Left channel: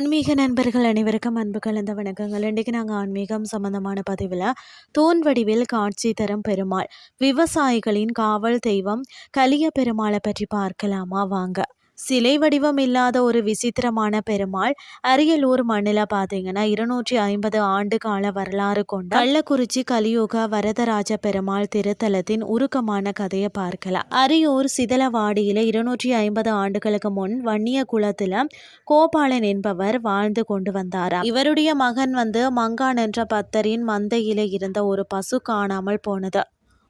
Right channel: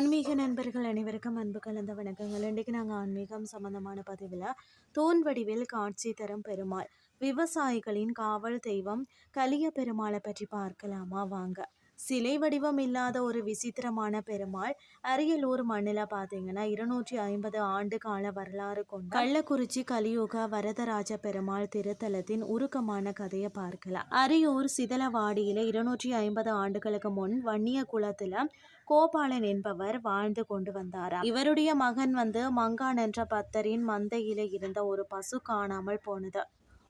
ஆன்மீக நண்பர்கள் அனைவருக்கும் அன்பு கலந்த வணக்கங்கள். இன்றைக்கு நாங்கள் ஆன்மீகம் சம்பந்தமான பதிவில் தூண் வடிவில் காட்சி தரும் பெருமாள் விவசாயிகளின் காவல் தெய்வம் கலிய பெருமாளை பற்றி பார்க்கலாமா? வாங்க. சிலை வடிவம் இல்லாத ஒரு விசித்திரமான பெருமாள் அரியலூர் மண்ணில் பார்த்தீங்கன்னா இருநூற்றி ஐம்பது ஆண்டு கால வரலாறு கொண்ட கள்ளக்குறிச்சி கலியுக வரதராஜ பெருமாள் திருத்தலத்தின் உருக்கமான கதையை பார்க்கலாம். அரியூர் சிதலவாடியில் இருநூற்றி ஐம்பது ஆண்டுகளுக்கு முன் வன்னிய குலத்தில் கோபாலன் என்பவர் வாழ்ந்து கொண்டு வந்தாராம். இவருடைய மகன் வந்து மங்கான் என்ற பத்தரின் மந்தையில இருந்த ஒரு பசு காணாமல் போனது.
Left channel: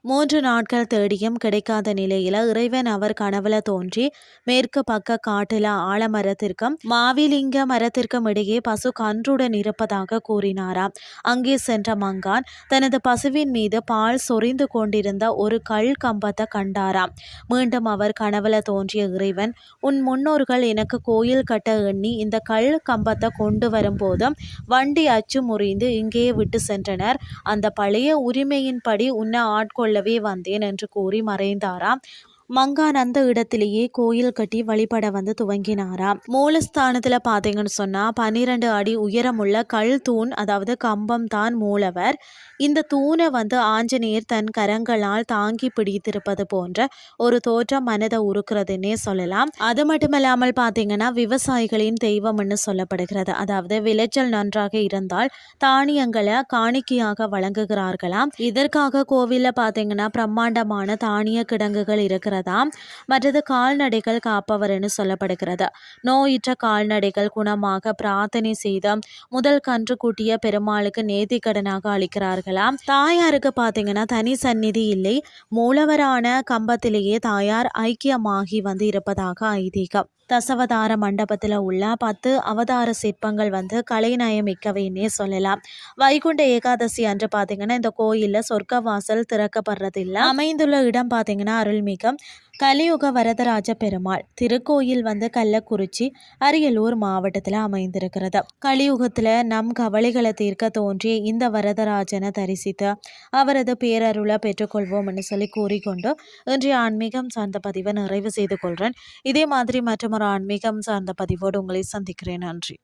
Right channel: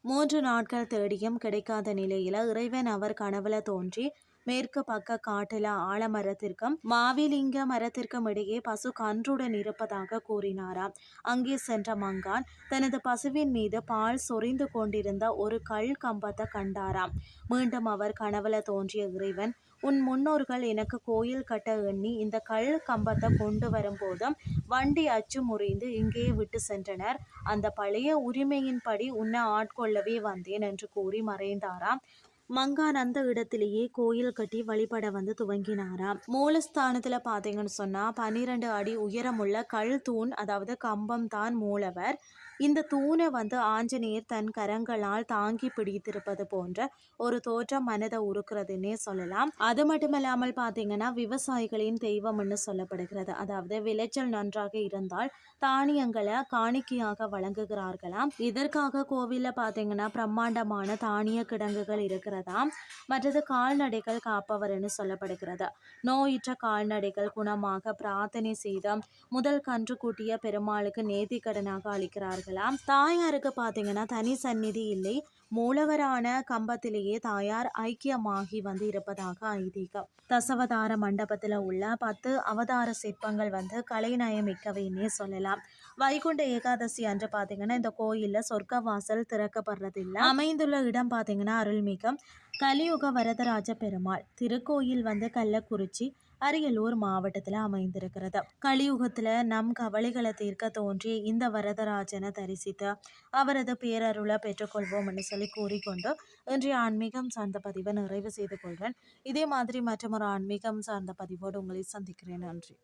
மூன்று நாட்கள் தேடியும் கிடைக்காத நிலையில இறைவன் அவர் கனவுல தோன்றி மேற்கு பக்க காட்டுல ஆலமரத்திற்கும் மாவிலிங்க மரத்திற்கும் இடையே பசு கன்றுடன் இருப்பதாக கூறினாராம். அங்கே சென்ற மங்கான் தனது பசுவின் மீது பால் சொரிந்து கொண்டிருந்த ஒரு கல் கம்பத்தை கண்டாராம். மீண்டும் அவர் கனவுல தோன்றிய இறைவன் உன் முன்னோர்கள் எனக்கு கோயில் கட்ட எண்ணி இந்த கல் கம்பத்தை கொண்டு வரும்போதும் வண்டி அச்சு முறிந்து இங்கேயே விட்டு சென்றனர். அந்த பழைய உரிமையின்படி உன்னை ஆட்கொள்ள கொள்ளவே வந்தேன் என்று கூறி மறைந்தாராம். மங்கான் அந்த இடத்திலேயே கோயில் கட்டி வழிபட வந்து துவங்கினாராம் மூலஸ்தானத்துல பாத்தீங்கன்னு சொன்னா பன்னிரண்டு அடி உயரமுள்ள கல் தூண் அதாவது கம்பம் தான் மூலவர். இந்த தூணை வந்து ஆஞ்சநேயர் தன் கரங்களால் தாங்கி பிடித்திருப்பது போன்ற ஒரு தோற்றம் மனதை உருக்குறதுன்னே சொல்லலாம். அது மட்டுமல்லாமல் பார்த்தீங்கன்னா விவசாயிகளின் தெய்வம்னு சொல்லப்படுகிறது. அதாவது விளைச்சல் நன்றாக இருந்தால் தானியங்களை காணிக்கையாக வழங்குகிறார்களாம். இதற்காக கோவிலில் பார்த்தீங்கன்னா பிரம்மாண்டமான தானிய கிடங்குகள் இருக்கிறது. இருக்கிறதாம் மற்றது கால்நடைகள் காப்பவர் என்று சொல்லப்படுகிறது. நோயிற்ற கால்நடைகள் குணமாக பிரார்த்தனை செய்த முதல் கன்று கூட்டிய பெருமாளுக்கு நேர்த்திக்கடனாக அளிக்கிறார்களாம். தாயாருக்கு பார்த்தீங்கன்னா தனி சந்நிதி இல்லை. மூலவரான கம்பத்திலேயே தாயார் ஐக்கியமாகி வந்து இருப்பதாக ஐதீகம். தசவதார மண்டபத்தில் உள்ள பத்து அவதார சிற்பங்கள் வந்து கலைநயமிக்கவைன்னே சொல்லலாம். வைகுண்ட ஏகாதசி அன்று பார்த்தீங்கன்னா இந்த கோயிலில் சொர்க்க வாசல் திறக்கப்படுறதில்லை. அமைந்துள்ள இடம் பார்த்தீங்கன்னா அருள்மிகம் கலியுக வரதராஜ பெருமாள் திருக்கோயில் வந்து கள்ளக்குறிச்சி அரியலூர் மாவட்டத்தில் அமைந்திருக்கிறது. கலியுகத்தில் நம் கவலைகளை தீர்க்க தோன்றிய இந்த வரதராஜனை தரிசித்து அவரது பேரருளை பெற்றுக்கொள்வோம்னு சொல்லி கூறிக்கொண்டு இன்றைய ஆன்மீகம் சார்ந்த பதிவை நிறைவு செய்து கொள்கிறேன் இதே மாதிரி மற்றும் ஒரு ஆன்மீகம் சார்ந்த பதிவோடு உங்களை சந்திக்கிறேன். நன்றி.